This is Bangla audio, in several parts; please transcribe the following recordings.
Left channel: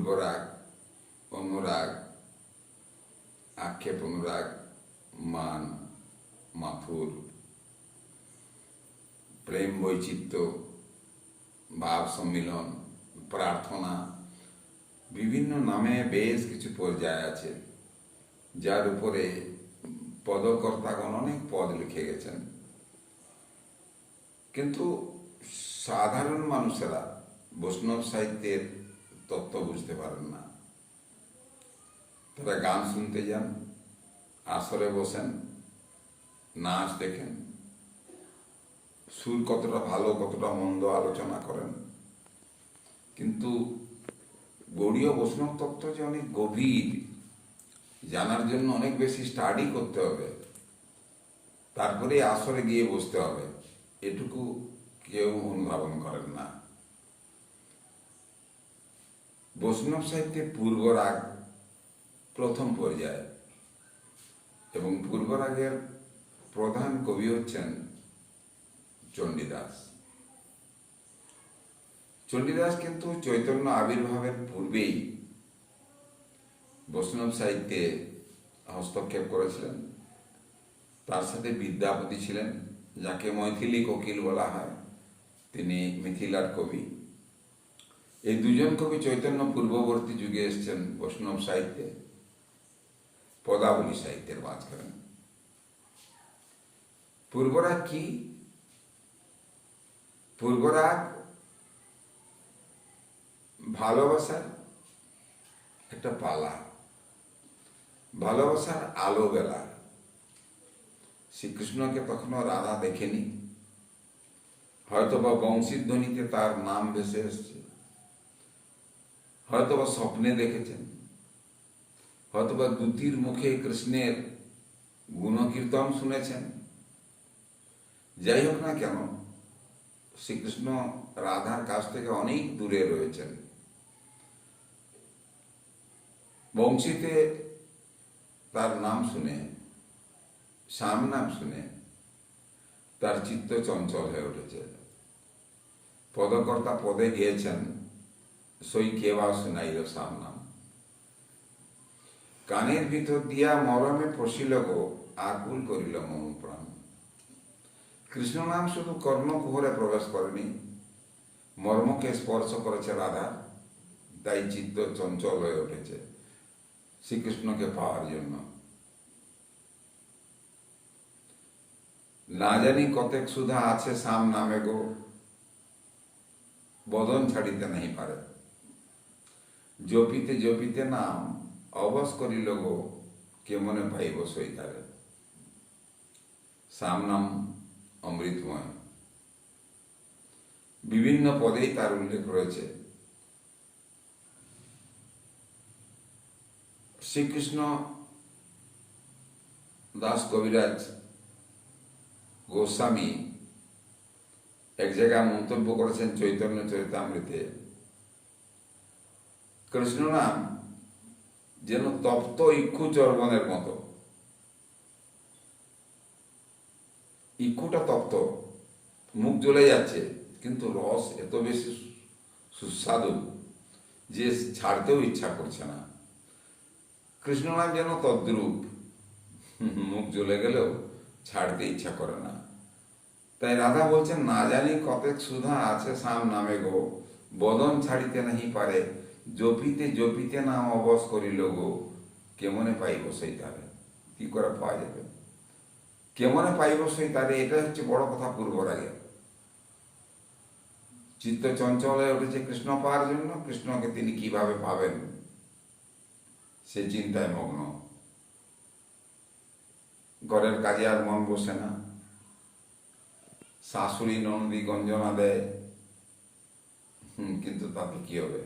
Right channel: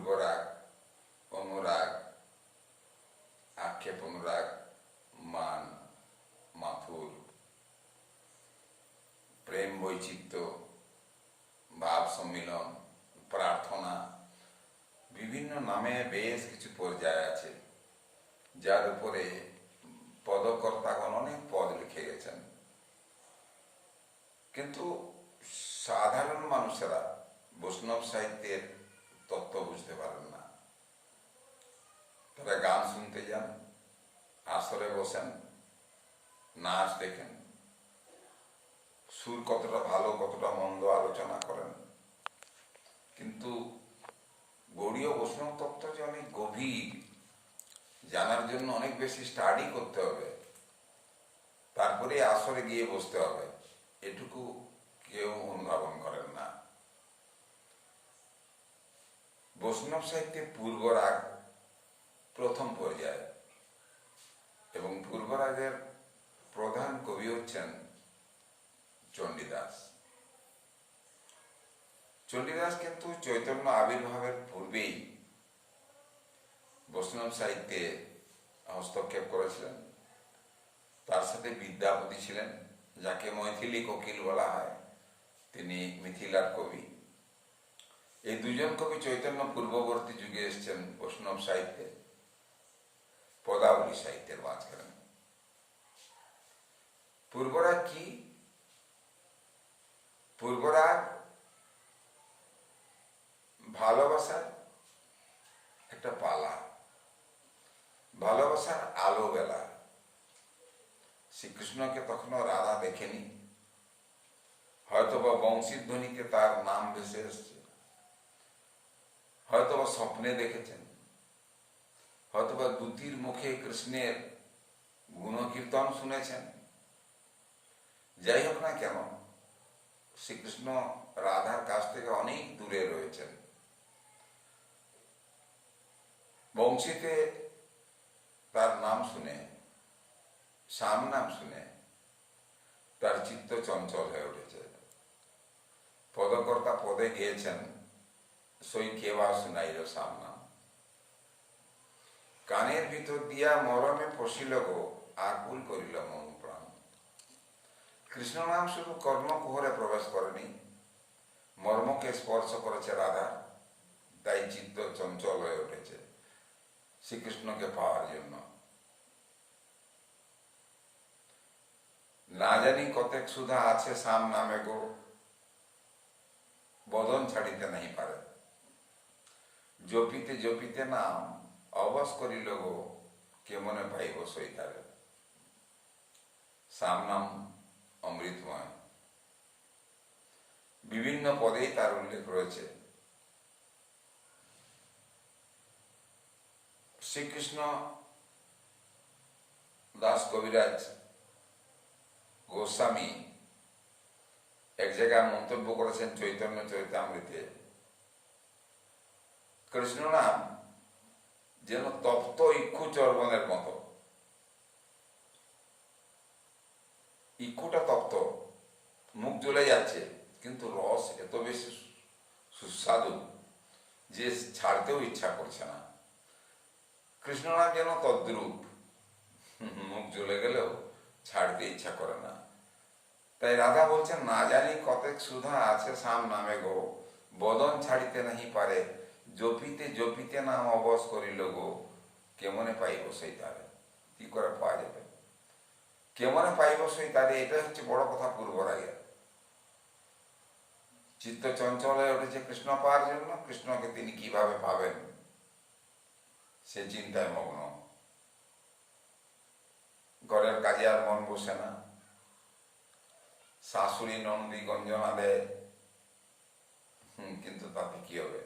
পূর্বরাগ, অনুরাগ, আক্ষেপ অনুরাগ, মান, মাথুর, প্রেম বৈচিত্র্য, ভাব সম্মিলন, প্রার্থনা, বিভিন্ন নামে বেশ কিছু পর্যায় আছে, যার উপরে পদকর্তাগণ অনেক পদ লিখে গেছেন। কিন্তু সাধারণ মানুষেরা বৈষ্ণব সাহিত্যের তত্ত্ব বুঝতে পারেন না। তারা গান শুনতে যান, আসরে বসেন, নাচ দেখেন, সুর কতটা ভালো কতটা মন্দ আলোচনা করেন। কিন্তু গৌড়ীয় বৈষ্ণব তত্ত্ব যে অনেক গভীর, জানার জন্য অনেক বেশি স্টাডি করতে হবে, তারপরে আসরে গিয়ে বসতে হবে, এটুকু কেউ অনুধাবন করেন না। বৈষ্ণব সাহিত্যে পূর্বরাগ প্রথম পর্যায়ে, এবং পূর্বরাগের প্রধান কবি হচ্ছেন চণ্ডীদাস। চণ্ডীদাস কিন্তু চৈতন্য আবির্ভাবের পূর্বেই বৈষ্ণব সাহিত্যে হস্তক্ষেপ করেছিলেন। তার সাথে বিদ্যাপতি ছিলেন, যাকে মৈথিলী কোকিল বলা হয়, তিনি মিথিলার কবি। এই দুজন কবি চৈতন্য পূর্ববর্তী যুগে এসেছেন বৈষ্ণব সাহিত্যে, পদাবলী সাহিত্যের মাঝখানে। পূর্বরাগ কি? পূর্বরাগ ভালোবাসার একটা পালা, ভালোবাসার আলো বেলা। শ্রীকৃষ্ণকে তখনও রাধা দেখেনি, হয়তোবা বংশীর ধ্বনিতে তার নাম ভেসে এসছে, হয়তোবা স্বপ্নে দেখেছেন, হয়তোবা দ্যুতির মুখে কৃষ্ণের গুণকীর্তন শুনেছেন। যাই হোক না কেন, শ্রীকৃষ্ণ রাধার কাছ থেকে অনেক দূরে রয়েছেন। বংশীতে তার নাম শুনে, শ্যাম নাম শুনে তার চিত্ত চঞ্চল হয়ে উঠেছে। পদকর্তা পদে গিয়েছেন, সই কেবা শুনাইল শ্যাম নাম। কানের ভিতর দিয়া মরমে পশিল গো, আকুল করিল মম প্রাণ। কৃষ্ণ নাম শুধু কর্ণকুহরে প্রবেশ করেনি, মর্মকে স্পর্শ করেছে রাধা, তাই চিত্ত চঞ্চল হয়ে উঠেছে শ্রীকৃষ্ণকে পাওয়ার জন্য। না জানি কতেক সুধা আছে শ্যাম নামে গো, বদন ছাড়িতে নাহি পারে। জপিতে জপিতে নাম অবশ করিল গো, কেমনে পাইব সইতারে। শ্যাম নাম অমৃতময়, বিভিন্ন পদেই তার উল্লেখ রয়েছে। শ্রীকৃষ্ণ দাস কবিরাজ গোস্বামী এক জায়গায় মন্তব্য করেছেন চৈতন্য চরিতামৃতে, কৃষ্ণ নাম যেন তপ্ত ইক্ষু চর্বণের মতো। ইক্ষুটা তপ্ত, মুখ জ্বলে যাচ্ছে, কিন্তু রস এত বেশি সুস্বাদু যে ছাড়তেও ইচ্ছা করছে না। কৃষ্ণ নাম যেন তদ্রূপ, মুখ জ্বলে গেলেও ছাড়তে ইচ্ছা করে না। তাই রাধা বলছেন, না জানি কতেক সুধা আছে শ্যাম নামে গো, বদন ছাড়িতে নাহি পারে। জপিতে জপিতে নাম অবশ করিল গো, কেমনে পাইব সেই তারে। কি করে পাওয়া যাবে, কেমনে পাইব সেই তারে, এটাই হচ্ছে বড় কথা। পূর্বরাগের চিত্ত চঞ্চল হয়ে উঠেছে কৃষ্ণ পাওয়ার জন্য। কৃষ্ণকে তিনি কিভাবে পাবেন সে চিন্তায় মগ্ন। ঘরের কাজে আর মন বসে না, শাশুড়ি নন্দী গঞ্জনা দেয়, কিন্তু তাতে কি হবে?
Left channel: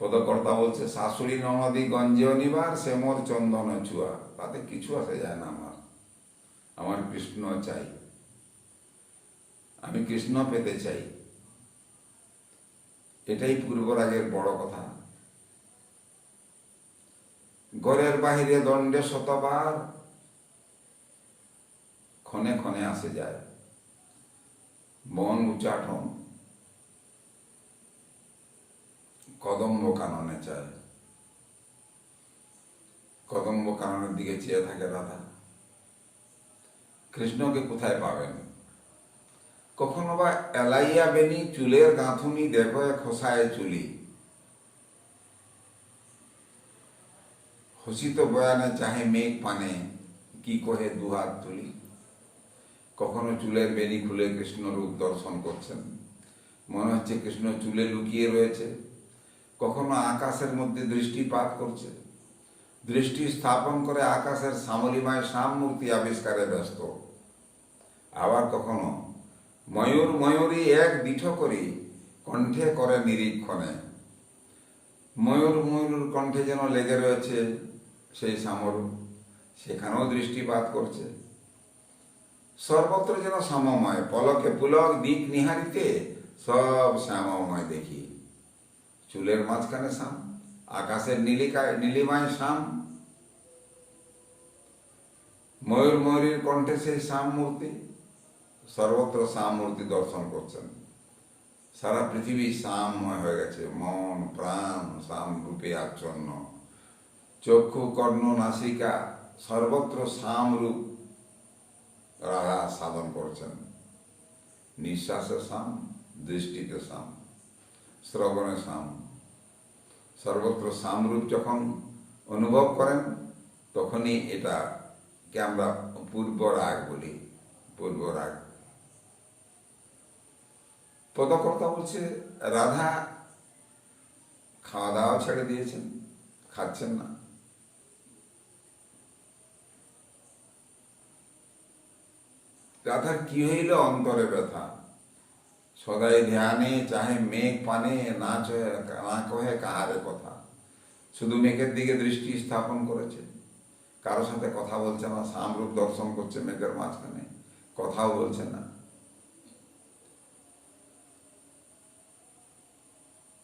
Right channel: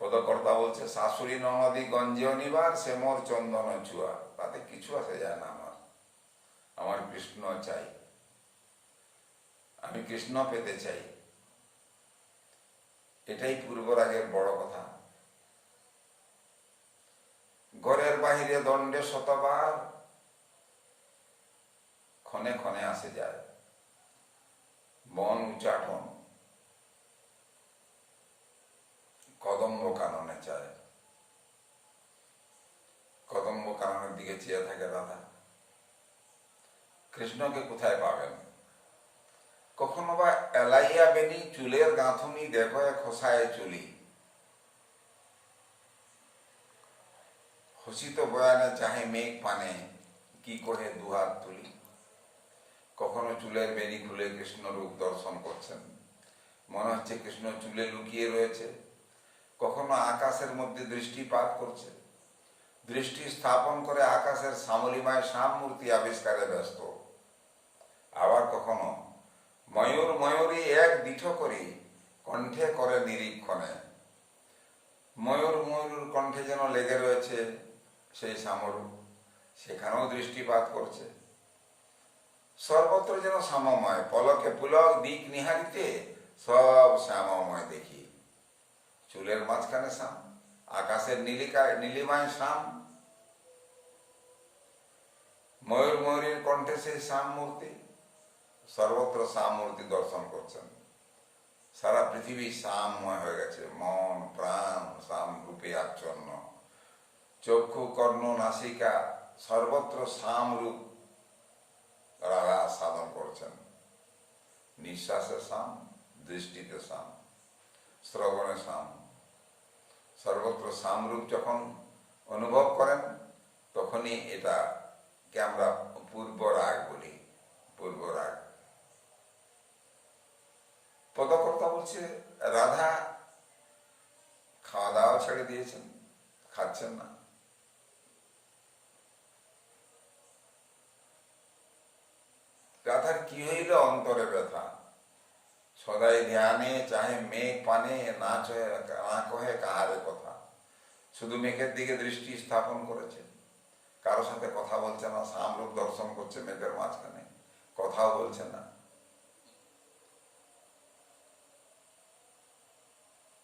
পদকর্তা বলছে, শাশুড়ি ননদী গঞ্জনিবার সে মোর চন্দন চুয়া। তাতে কিছু আসে যায় না। আমার কৃষ্ণ চাই, আমি কৃষ্ণ পেতে চাই। এটাই পূর্বরাগের বড় কথা। ঘরের বাহিরে দণ্ডে শতবার, ক্ষণে ক্ষণে আসে যায়। বন উচাটন, কদম্ব কাননে চায়। কদম্ব কাননের দিকে চেয়ে থাকে রাধা। কৃষ্ণকে কোথায় পাবেন? কখনো বা এলাইয়া বেনি চুলের গাঁথুনি দেখো খোসায় চুলি, হসিত বয়ানে চাহে মেঘ পানে কি কহে দুহাত তুলি। কখনো চুলের বেনি খুলে কৃষ্ণ রূপ দর্শন করছেন, মনে হচ্ছে কৃষ্ণ চুলে লুকিয়ে রয়েছে। কখনো আকাশের মধ্যে দৃষ্টিপাত করছে, দৃষ্টি স্থাপন করে আকাশের শ্যামলিমায় শ্যাম মূর্তি আবিষ্কারে ব্যস্ত। আবার কখনো ময়ূর ময়ূরী এক দিঠ করি কণ্ঠে করে নিরীক্ষণে, ময়ূর ময়ূর কণ্ঠে যেন লেগে রয়েছে সেই শ্যামরূপ, সেখানেও দৃষ্টিপাত করছে। সর্বত্র যেন শ্যামময়, পলকে পুলক দিক নিহারিতে সব শ্যামময় দেখি। চুলের মাঝখানে শ্যাম, আকাশের নীলিমায় শ্যাম, ময়ূর ময়ূরীর কণ্ঠে সেই শ্যাম মূর্তি, সর্বত্র শ্যাম মূর্তি দর্শন করছেন। সারা পৃথিবী শ্যামময় হয়ে গেছে, মন প্রাণ শ্যাম রূপে আচ্ছন্ন। চক্ষু কর্ণ নাসিকা সর্বত্র শ্যাম রূপ রাধা সাধন করছেন। নিঃশ্বাসে শ্যাম, দৃষ্টিতে শ্যাম, শ্রবণে শ্যাম, সর্বত্র শ্যাম রূপ যখন অনুভব করেন তখনই এটাকে আমরা পূর্ব রাগ বলি। পূর্ব রাগ। পদকর্তা বলছে রাধা খাওয়া দাওয়া ছেড়ে দিয়েছেন, খাচ্ছেন না। রাধার কি হইল অন্তরে ব্যথা, সদাই ধ্যানে চাহে মেঘ পানে না কহে কাহারে কথা। শুধু মেঘের দিকে দৃষ্টি স্থাপন করেছে, কারোর সাথে কথা বলছে না, শ্যামরূপ দর্শন করছে মেঘের মাঝখানে, কথাও বলছে না।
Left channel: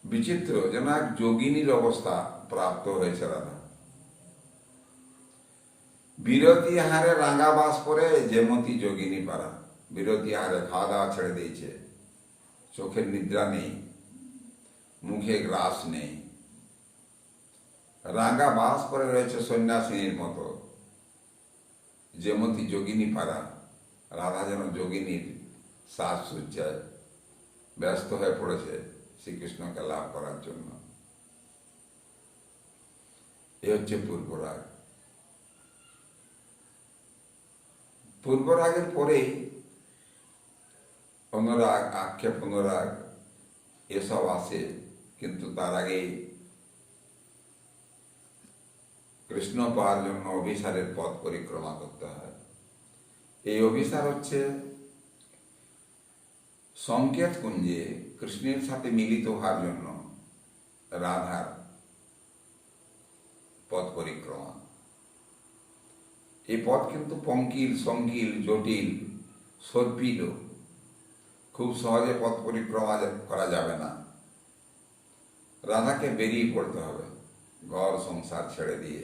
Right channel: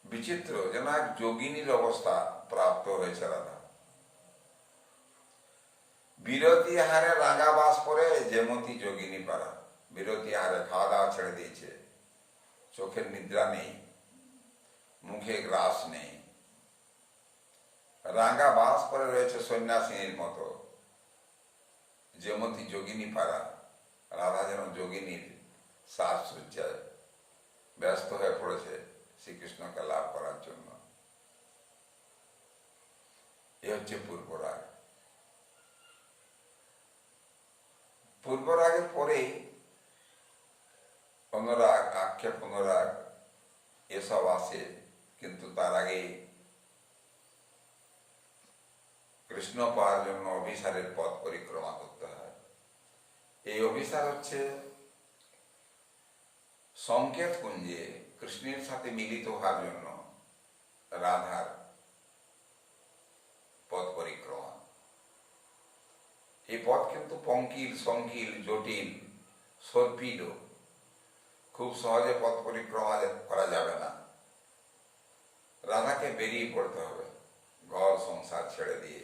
বিচিত্র, যেন এক যোগিনীর অবস্থা প্রাপ্ত হয়েছে রাধা। বিরতি আহারে রাঙা বাস পরে যেমতি যোগিনী পারা। বিরতি আহারে খাওয়া দাওয়া ছেড়ে দিয়েছে, চোখের নিদ্রা নেই, মুখে গ্রাস নেই, রাঙা বাস পরে রয়েছে সন্ন্যাসিনীর মতো, যেমতি যোগিনী পারা। রাধা যেন যোগিনীর সাজসজ্জায় ব্যস্ত হয়ে পড়েছে শ্রীকৃষ্ণকে লাভ করার জন্য। এ হচ্ছে পূর্বরাগ। পূর্বরাগের পরেই অনুরাগ, আক্ষেপ, অনুরাগ এসব আসে, কিন্তু তার আগেই কৃষ্ণ পাওয়ার জন্য অভিসারের পথ পরিক্রমা করতে হয়। এই অভিসার হচ্ছে সংকেত কুঞ্জে কৃষ্ণের সাথে মিলিত হওয়ার জন্য রাধার পথ পরিক্রমা। এই পথ কিন্তু পঙ্কিল, সংকিল, জটিল, সর্পিল। খুব সহজে পথ পরিক্রমা করা যাবে না। রাধাকে বেরিয়ে পড়তে হবে ঘর সংসার ছেড়ে দিয়ে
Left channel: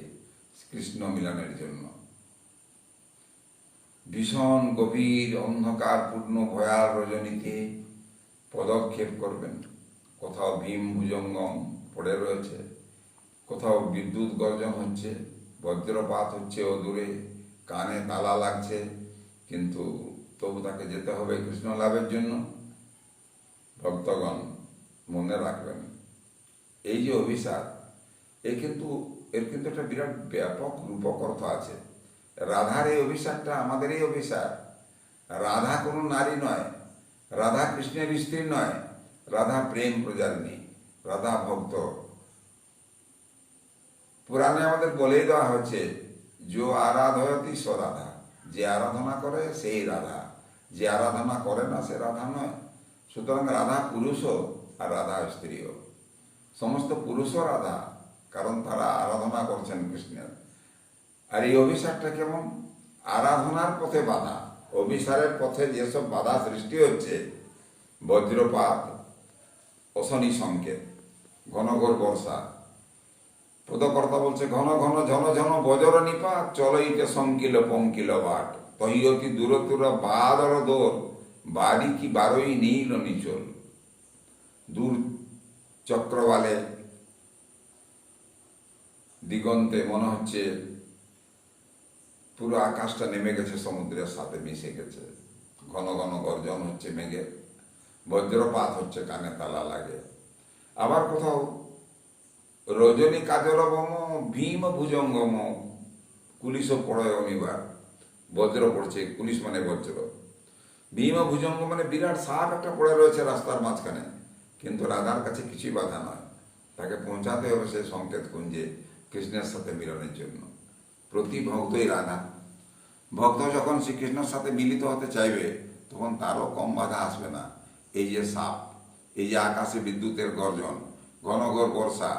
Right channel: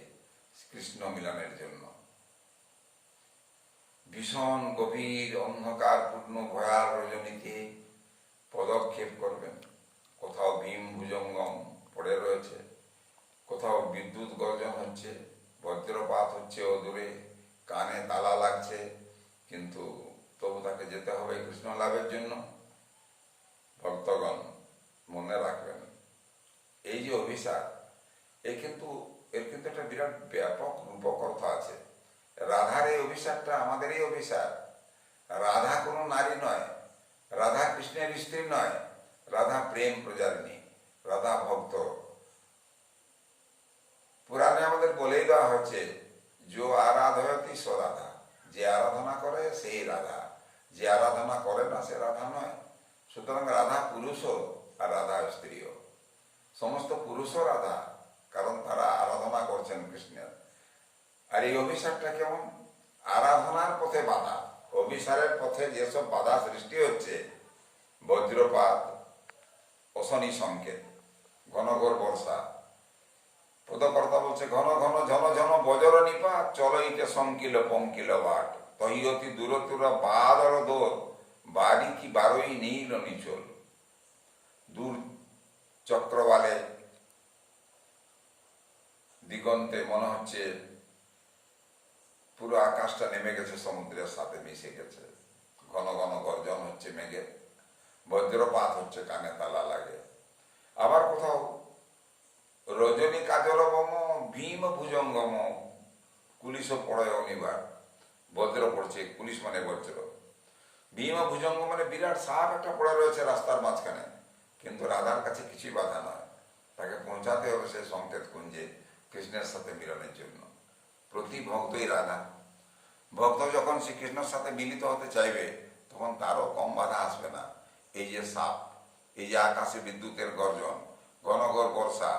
কৃষ্ণ মিলনের জন্য। ভীষণ গভীর অন্ধকারপূর্ণ ভয়াল রজনীতে পদক্ষেপ করবেন। কোথাও ভীম ভুজঙ্গম পড়ে রয়েছে, কোথাও বিদ্যুৎ গর্জন হচ্ছে, বজ্রপাত হচ্ছে অদূরে, কানে তালা লাগছে, কিন্তু তবু তাকে যেতে হবে কৃষ্ণ লাভের জন্য। ভক্তগণ মনে রাখবেন, এই যে অভিসার, এর কিন্তু একটা বিরাট ব্যাপক রূপক অর্থ আছে। রাধার এই অভিসারটা আমাদের এই অভিসার। রাধা কোনো নারী নয়, রাধা কৃষ্ণের স্ত্রী নয়, রাধা প্রেম প্রজালিনী, রাধা ভক্ত। পুরাণে আমাদের বলেই দেওয়া হচ্ছে, যো আরাধয়তি স রাধা। যে আরাধনা করে সেই রাধা, যে আরাধনা করে না সে রাধা নয়। সুতরাং রাধা পুরুষও আর রাধা স্ত্রীও। সমস্ত পুরুষও রাধা, কারণ তারা আরাধনা করছেন কৃষ্ণের। আর এই অভিসারটা কেমন? আরাধনার পথে বাধা। অভিসারের পথে যেসব বাধা সৃষ্টি হচ্ছে, বজ্রপাত, অশনি সংকেত, ঘন ঘোর বর্ষা। পদকর্তা বলছে, ঘন ঘন ঝন ঝন বজর নিপাত, চলইতে সংকিল পঙ্কিল বাট, তহিয়তি দূরতুর বাদর দোর, বাড়ি কি বারোই নীল নিচল। দূর চক্রবালে দিগন্তে মনে হচ্ছে পুরো আকাশটা নেমে গেছে, সমুদ্রের সাথে মিশে গেছে। ঘন ঘন গর্জন হচ্ছে মেঘের, বজ্রপাত হচ্ছে, কানে তালা লাগে। আবার কোথাও রজনী কাজলবম ভীম ভুজঙ্গম কুলিশ পড়ে অনিবার, বজ্র পড়ছে, পুলিশ মানে বজ্র। ভীম ভুজঙ্গ মানে বিরাট সাপ একটা পড়ে রয়েছে রাস্তার মাঝখানে, কিন্তু রাধার কাছে কিছুই বাধা নয়, তাকে পৌঁছাতে হবে সে সংকেত কুঞ্জে কৃষ্ণের সাথে মিলনের জন্য। প্রতি ভক্তই রাধা। ভক্ত যখন শ্রীকৃষ্ণের সাথে মিলিত হতে চাইবে তখন তারও কম বাধা আসবে না। এই যে সাপ, এই যে আকাশে বিদ্যুতের গর্জন, ঘন ঘর বর্ষা,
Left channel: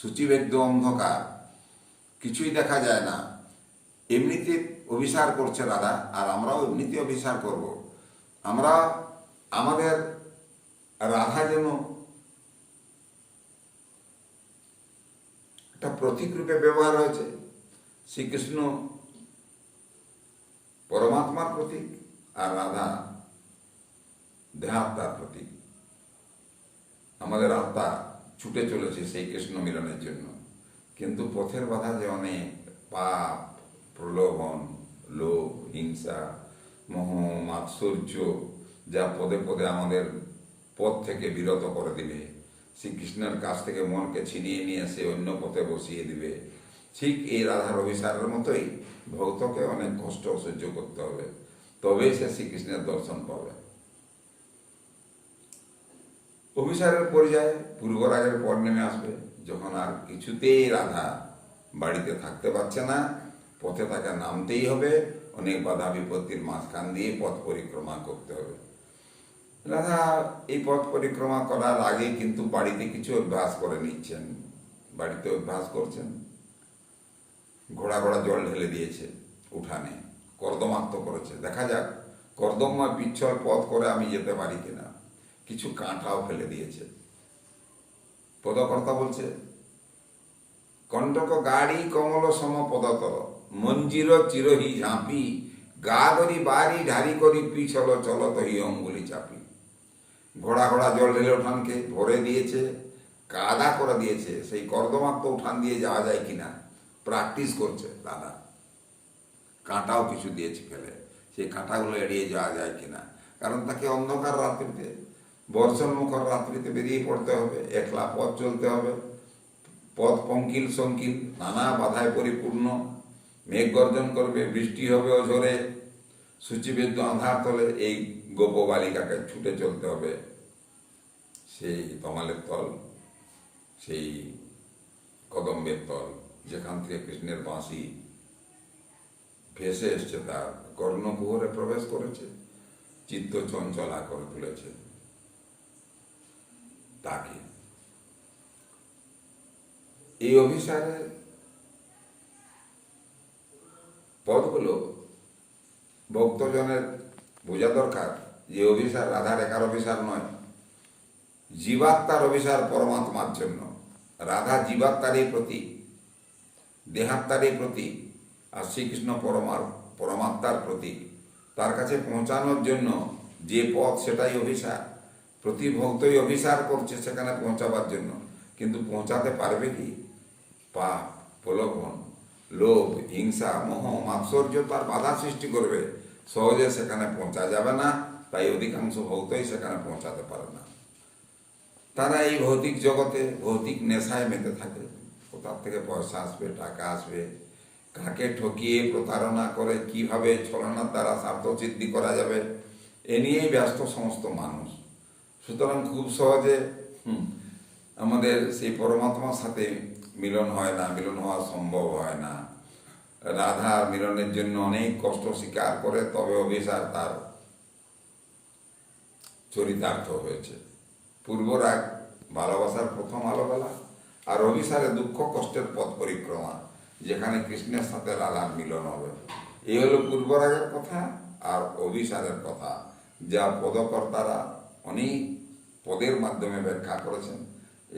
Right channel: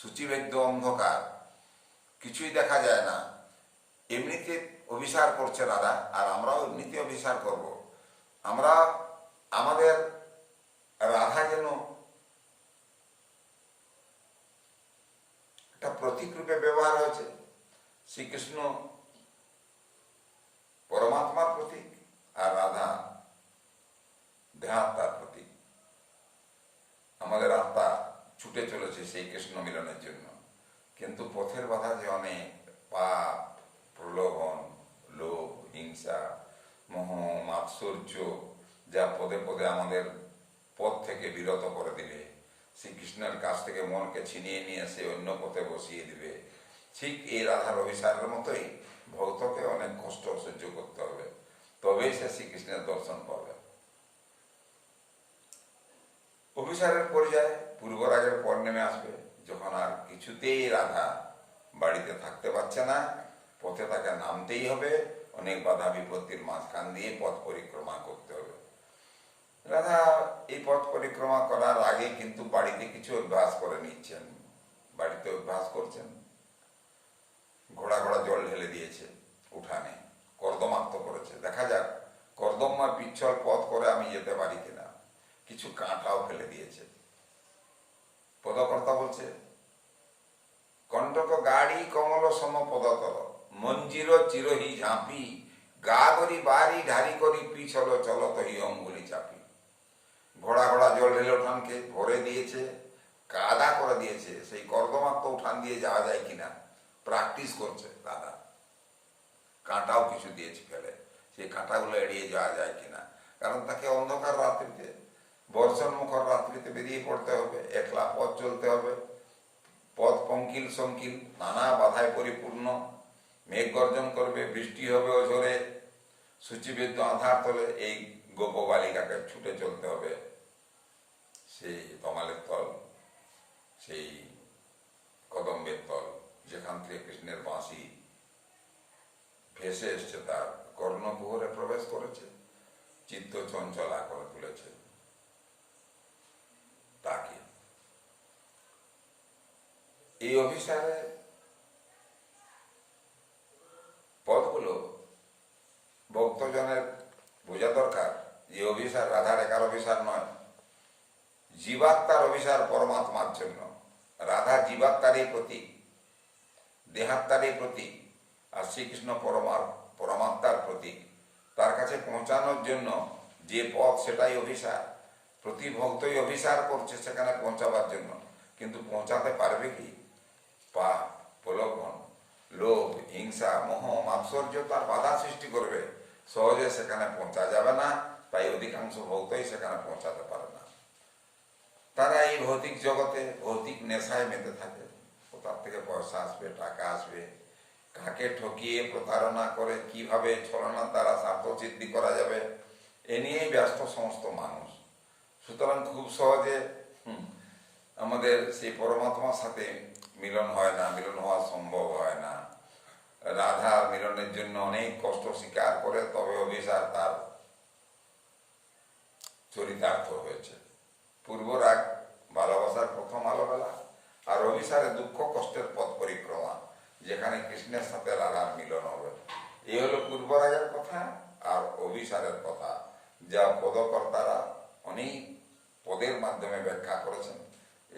সূচিবেদ্য অন্ধকার, কিছুই দেখা যায় না, এমনিতে অভিসার করছে রাধা, আর আমরাও এমনিতে অভিসার করব। আমরা আমাদের রাধা যেন একটা প্রতীক রূপে ব্যবহার হয়েছে। শ্রীকৃষ্ণ পরমাত্মার প্রতীক আর রাধা দেহাত্মার প্রতীক। আমাদের আত্মা ছুটে চলেছে সেই কৃষ্ণ মিলনের জন্য, কিন্তু পথের বাধা যে অনেক, পাপ, প্রলোভন, লোভ, হিংসা, মোহ, মাৎসর্য, যা পদে পদে আমাদের পথ থেকে বিরত করে দিবে, শ্রীকৃষ্ণের কাছ থেকে মনকে ছিনিয়ে নিয়ে সে অন্য পথে বসিয়ে দিবে। ঠিক এই রাধার অভিসারের মতোই ভক্তকে অনেক কষ্ট সহ্য করতে হবে, তবেই সে শ্রীকৃষ্ণের দর্শন পাবে। অভিসারের পর্যায়ে পূর্বরাগের পর নেমে আসবে, যখন আর কিছুতেই রাধা বাড়িতে থাকতে পারছে না, পথে তাকে নামতেই হবে, অনেক বাধা বিপত্তির মাঝখান দিয়ে পথ পরিক্রমা করতে হবে। রাধা এই পথ পরিক্রমা করার আগে কিন্তু বাড়িতে কিছু অভ্যাস করে নিচ্ছেন। বাড়িতে অভ্যাস করছেন, ঘোড়া ঘোড়া জল ঢেলে দিয়েছে উঠানে, কর্দমাক্ত করেছে, দেখা যাক কর্দমময় পিচ্ছল পথ করে আমি যেতে পারি কিনা। কিছু কাঁটাও ফেলে দিয়েছে। পদকর্তা বলছে, কণ্টক গাড়ি কমল সম পদতল, মঞ্জির চিরহি ঝাঁপি, গা করি বাড়ি ঢারি করি পিছল চলত হি অঙ্গুলি চাপি। ঘোড়া ঘোড়া জল ঢেলে উঠানকে ভরে দিয়েছে, কাদা করে দিয়েছে। সেই কর্দমাক্ত উঠান দিয়ে যাওয়া যায় কিনা প্র্যাকটিস করছে দাদা। কাঁটাও কিছু দিয়েছে ফেলে, সেই কাঁটাগুলো এড়িয়ে যাওয়া যায় কিনা। কারণ তাকে অন্ধকার রাত্রিতে, বর্ষণ মুখর রাত্রিতে বেরিয়ে পড়তে হবে, একলা পথ চলতে হবে। পথ পঙ্কিল সংকিল, নানা বাধায় পরিপূর্ণ, মেঘ গর্জন করবে, বৃষ্টি হবে অঝরে, সূচিবেদ্য আধার তলে এই গোপ বালিকাকে ছুটে চলতে হবে সেই তমালের তল, সেই কদম্বের তল, যেখান থেকে কৃষ্ণের বাঁশি ভেসে এসছে, তার কর্ণকুহরে প্রবেশ করেছে, চিত্ত চঞ্চলা করে তুলেছে তাকে। এই অভিসারে পদগুলো ভক্তজনের বোঝা দরকার যে অভিসার রাধার একার অভিসার নয়, জীবাত্মার অভিসার পরমাত্মার জন্য। রাধা জীবাত্মারই প্রতীক, দেহাত্মারই প্রতীক, আর শ্রীকৃষ্ণ পরমাত্মার প্রতীক। তার কাছে পৌঁছানোর জন্য যে পথ সেটাই অভিসার। প্রতি ভক্তই অভিসার করছে সেখানে পৌঁছাবার জন্য, কিন্তু পৌঁছাতে পারবে কি? পাপ, প্রলোভন, লোভ, হিংসা, মোহ, মাৎসর্য তার বাধা সৃষ্টি করবে, সহজে সেখানে পৌঁছা যাবে না। তাই অধিকাংশ ভক্তই সেখানে পৌঁছাতে পারে না। তারা এই ভৌতিক জগতে ভৌতিক নেশায় মেতে থাকে। কোথার থেকে পয়সা আসবে, টাকা আসবে, কাকে ঠকিয়ে প্রতারণা করে কিভাবে ছলনার দ্বারা স্বার্থসিদ্ধি করা যাবে, এ নিয়েই ব্যস্ত সমস্ত মানুষ। সুতরাং খুব সহজে আমাদের সেই পরমাত্মার সাথে মিলন হয় না, মিলন হওয়া সম্ভব হয় না। রাধা মিলনের জন্য অনেক কষ্ট স্বীকার করে তবে অভিসার তার চরিতার্থ হয়েছে। পূর্বরাগ ভালোবাসার প্রথম আলোবেলা, আর অভিসারে দুঃখ কষ্টের পথ পরিক্রমা, যেখানে কৃষ্ণের সাথে রাধার মিলন হবে। এই হলো পূর্বরাগের কথা আর অভিসারের কথা, যা পদকর্তারা অনেক পদের মাধ্যমে ব্যাখ্যা করেছেন।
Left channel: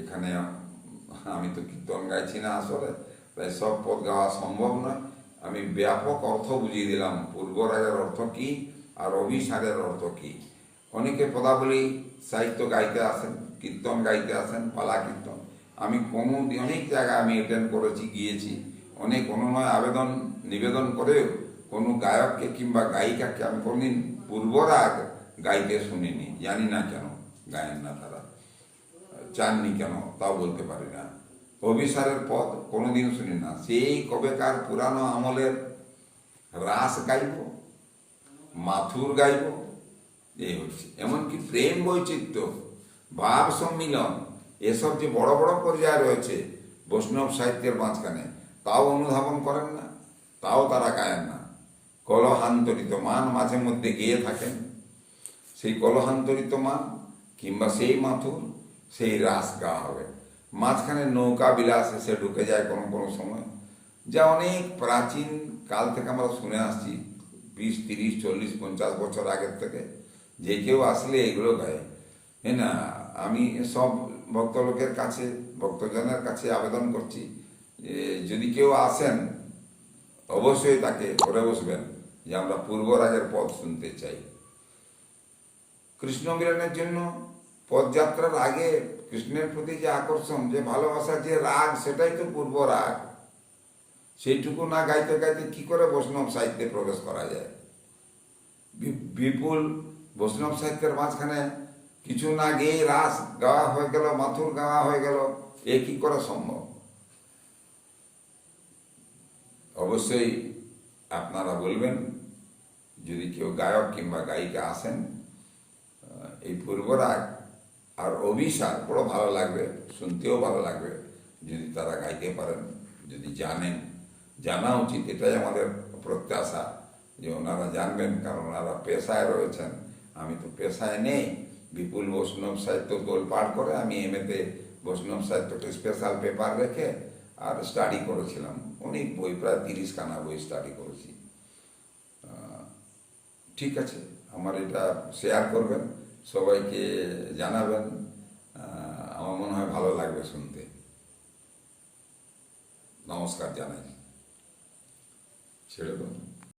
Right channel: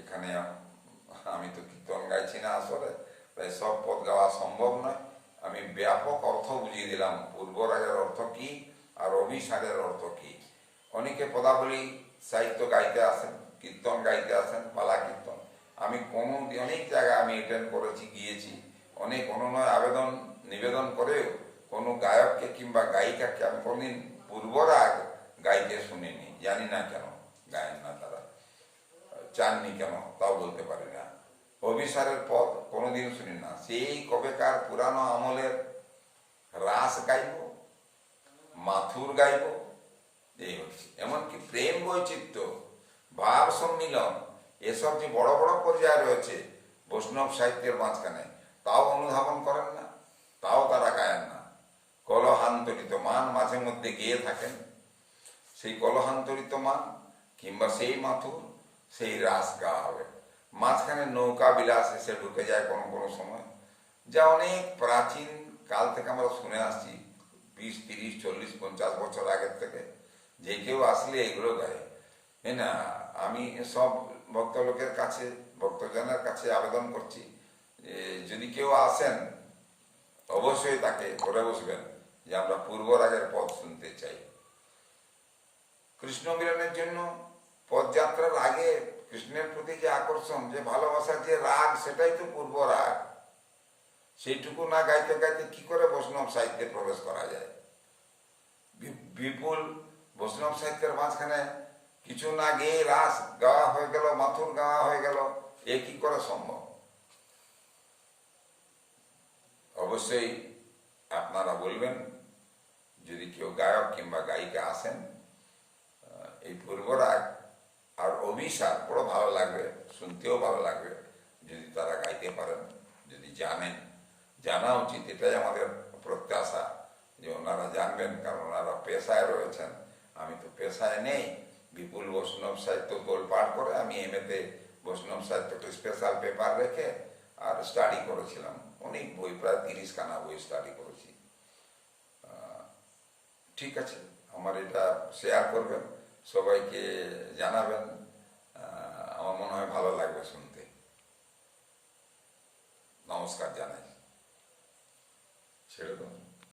এখানে আমি তো কীর্তন গাইছি না আসলে, তাই সব পদ গাওয়া সম্ভব নয়। আমি ব্যাপক অর্থ বুঝিয়ে দিলাম, পূর্বরাগের অর্থ কি আর অভিসারের অর্থ কি। অনেকে পদাবলী সাহিত্য গাইতে আসেন, কীর্তন গাইতে আসেন, পালা কীর্তন, আমি অনেক জায়গায় আমি অ্যাটেন্ড করেছি, গিয়েছি, অনেক অনুনয় আবেদন নিবেদন করেও কোনো গায়ককে কিংবা গায়িকাকে আমি কোনদিন পূর্বরাগ গাইতে শুনিনি। জানি না কেন গায়েন না তারা, চাননি কেন তাও বলতে পারি না। অভিসারের পদ কোনোদিন শুনি না। সেই কবেকার পুরানো আমলের রাস গাইব, মাথুর গাইব, এই হচ্ছে। এমনকি প্রেম বৈচিত্র্য, ভাব সম্মিলন, এসব যে বড় বড় পর্যায়ে রয়েছে বৈষ্ণব সাহিত্যের মাঝখানে, তাও অনুধাবন করেন না, তাও তারা গায়েন না। কলহান্তরিত মান মাঝে মধ্যে গেয়ে থাকেন, সেই কলহান্তরিত মান কিংবা সেই মাথুর, সেই রাস গাওয়া হবে। মাঝখানে নৌকা বিলাস এসে ঢুকে যায় কোনো কোনো সময়, যা অনেক প্রাচীন কাল থেকে আমরা শুনে আসছি, 20, 30, 40, 50 বছর আগের থেকে। যে কেউ আসলে এগুলো গায়, হ্যাঁ না। আমি সব ভক্তলোকের কাছে, ভক্তজনের কাছে আবেদন করছি, যদি কেউ আসেন অবশ্যই তাকে করে বসবেন যে আমরা পূর্বরাগের পথ শুনতে চাই। কৃষ্ণ মিলনের জন্য পদযাত্রার আগে কৃষ্ণের প্রতি যে আকর্ষণ, যে ভালোবাসার যে রাগ, সেটাই তো পূর্ব রাগ। সেইটুকু না গাইতে গাইতে কি করে বৈষ্ণব সাহিত্যে প্রবেশ করা যায়? বিপুল বৈষ্ণব সাহিত্যের মাঝখানে কিছু না গেয়ে রাস গাওয়া হয়ে গেল, মাথুর গাওয়া হয়ে গেল, এ কি করে সম্ভব? অবশ্যই আপনারা বলবেন, যদি কেউ গায়ক কিংবা গায়িকা আসেন, এই পূর্বরাগ আর অভিসার বড় ভালো লাগবে, শুনতেও ভালো লাগবে যদি তারা গাইতে পারেন, যদি জানেন। জানা উচিত, এটাই আমাদের প্রত্যাশা যে ওনারা জানবেন, কারণ ওনারা পেশায় রয়েছেন। আমি তো পেশায় নেই। বিপুল বৈষ্ণব সাহিত্য তোলপাড় করে আমি এমএতে বৈষ্ণব সাহিত্যকে স্পেশাল পেপার রেখে আর স্টাডি করেছিলাম, অনেক বই, প্রায় 30 খানা বই স্টাডি করেছি। ঠিক আছে, আমার এটা শেয়ার করবেন, সবাইকে জানাবেন, আমার মনে হয় ভালো লাগবে শুনতে। নমস্কার জানাই, ছেড়ে দেবো।